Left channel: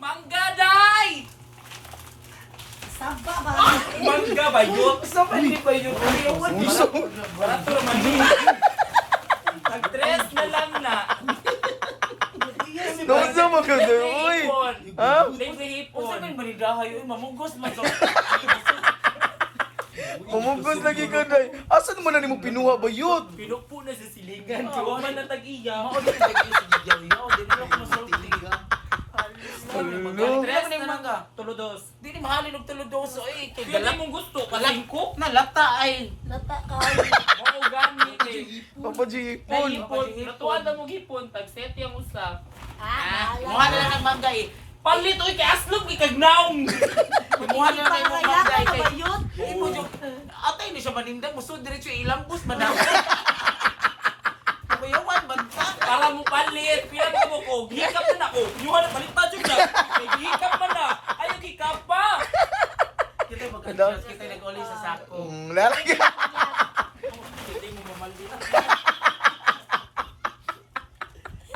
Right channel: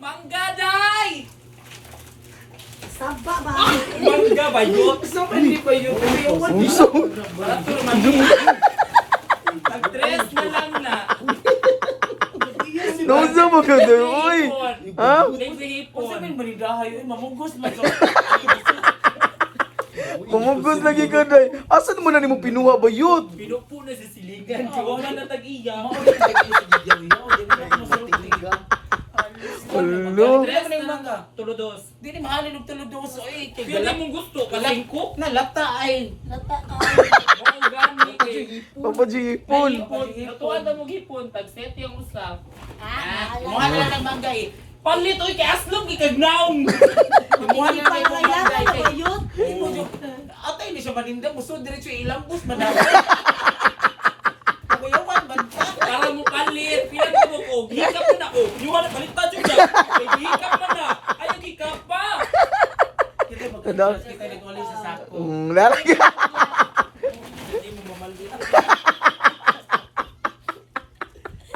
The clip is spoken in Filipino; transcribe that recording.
Mangga, day! Saba ba? Mangga ba yun? Gusto pa hindi pa yun. Barato naman yun. Pag-dress na lang na. Nasa maganda, uy! Ha? Libre hipon. Kung sabihin balidahay, uy, mamugos man sa... Kumugos lagi ka, day. Asan mo na ni mo pinuha ba yun? Pinupo na sa silingan. Di man na tag-iya. Mao din lagi sa Jawiyaw, di na ako masulti. Pag-dress na lang na. Tulodos. Di ni mahalin og tuludoso eh. Kay Kaya galak mong gusto. Palingko. nalata ay. Lata ka. Oo, gani eh. Papa G, Na hipon. hipon. Natuwa na mong hipon. Tag-set yung usa. Kumuha na lang ng mangga eh. Palit oy kay aslong gikagnaong. Kumuha na lang ng mangga Pangalayakan na kay. ba yun? Imo yung atay ni siya manindang gusto diretso ilambos madam. Kuyawan man ta. Para mo palit. Pilan ka mo ko. Hikap na ako. Nyuha na palit pa dyan dyan. Kay hikap man na. Ayaw hikap pa. Kita magkakasya kita nag-uli sa sako. Lalaki. Hindi mo mamaldit.